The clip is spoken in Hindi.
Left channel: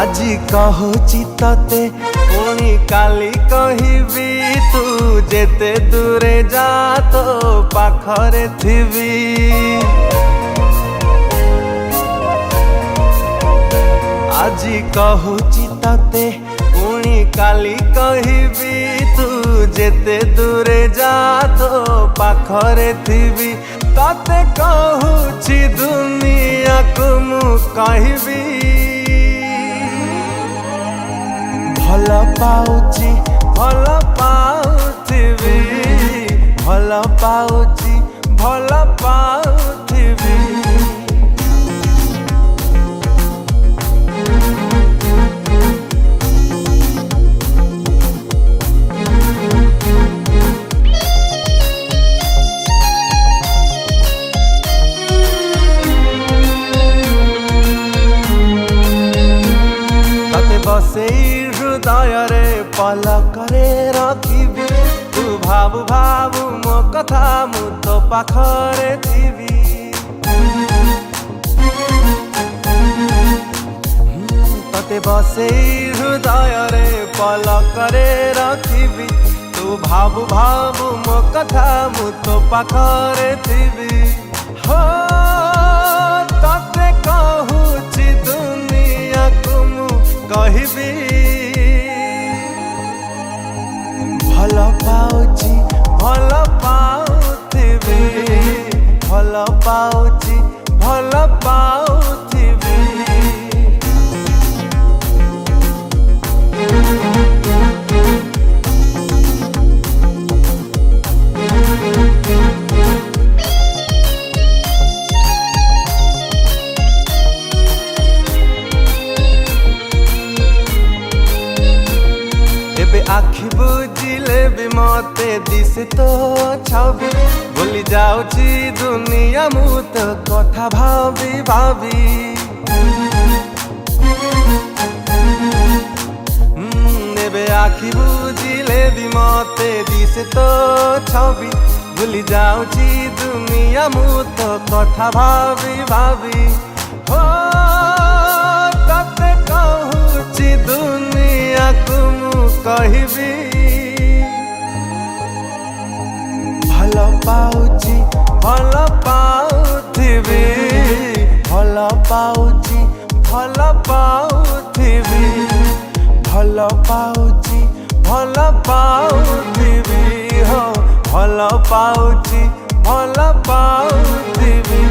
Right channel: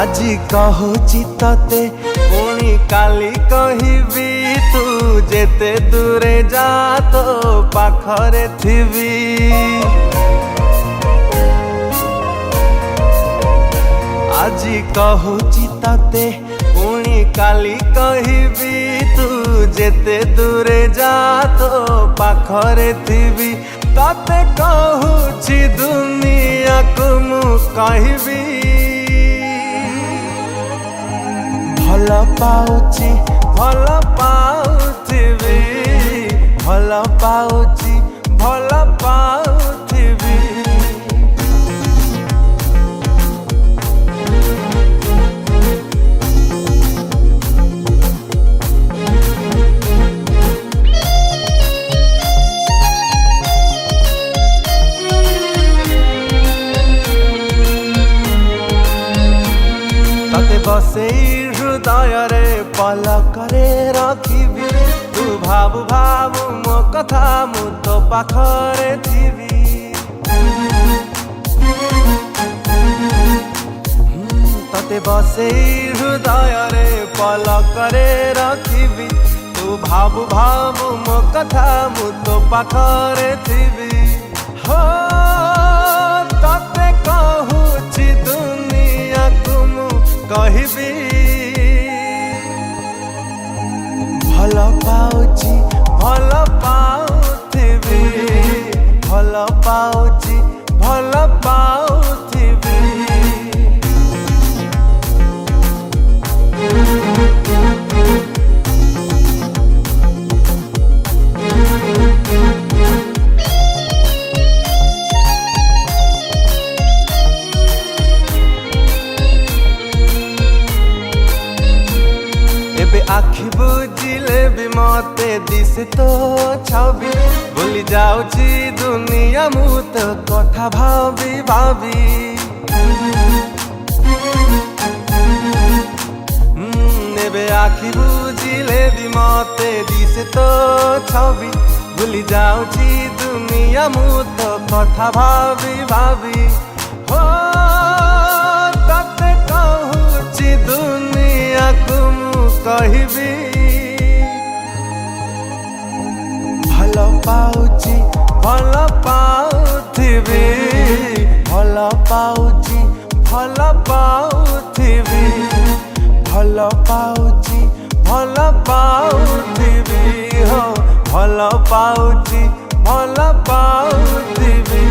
आजी कहूची तते पुणी काली कहबी तू जेते दूरे जा तो पाखरे थिबी। आजी कहूची तते पुणी काली कहबी तू जेते दूरे जा तो पाखरे थिबी। तते कहूची दुनिया को मु कहबी भल पाउची भल पाउथिबी भल पाउची भल पाउथिबी। तते बसेई हृदय रे पलकरे रखिबी तू भाबु भाबु मो कथा मु तो पाखरे थिबी। तते बसेई हृदय रे पलकरे रखिबी तू भाबु भाबु मो कथा मु तो पाखरे थिबी। हो तते कहूची दुनिया को मु कहबी भल पाउची भल पाउथिबी भल पाउची भल पाउथिबी। एबे आखि बुझिले भी मते दिसे तो छवि भूली जाउची दुनिया मु तो कथा भाबी भाबी। एबे आखि बुझिले भी मते दिसे तो छवि भूली जाउची दुनिया मु तो कथा भाबी भाबी। हो तते कहूची दुनिया को कहबी भल पाउची भल पाउथिबी भल पाउची भल पाउथिबी भल पाउची भल पाउथिबी हो भल पाउची भल पाउथिबी।